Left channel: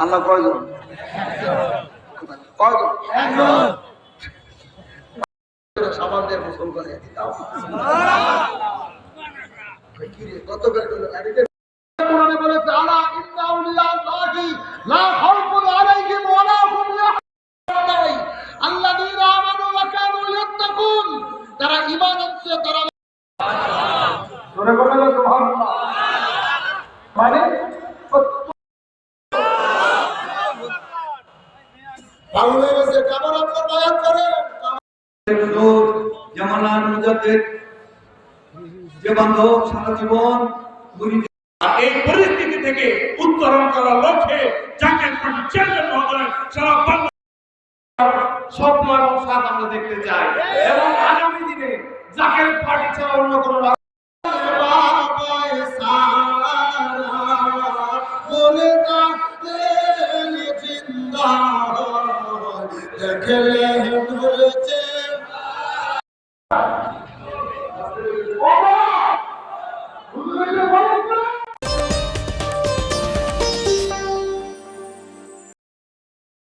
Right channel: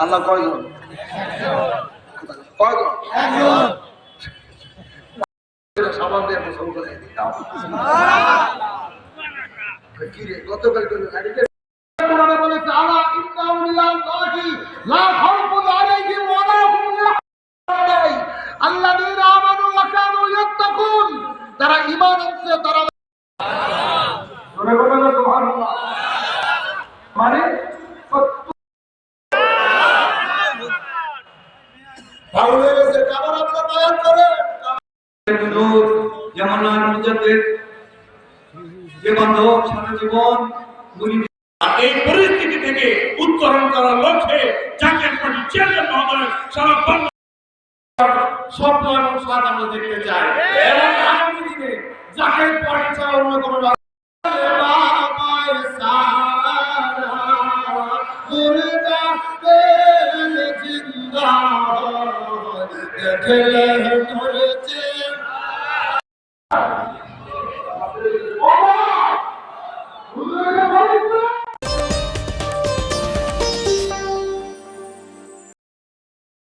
আল্লাহ কয়জন? সাবান দিয়ে গোসল করে দিতাম। গতকাল তারা ঈমান আনছে, তারা মানে যে বান্ধব সারা জীবন এই পরিস্থিতি থেকে উত্তরণ করার লক্ষ্যে জাতীয় পার্টির চেয়ারম্যান মহোদয় সারা বাংলা স্বপ্ন এবং স্বাদ আমরা দেখতে চাই এবং আগামী দিনে জাতীয় পার্টি ছাড়া অন্য কোনো জিন্দা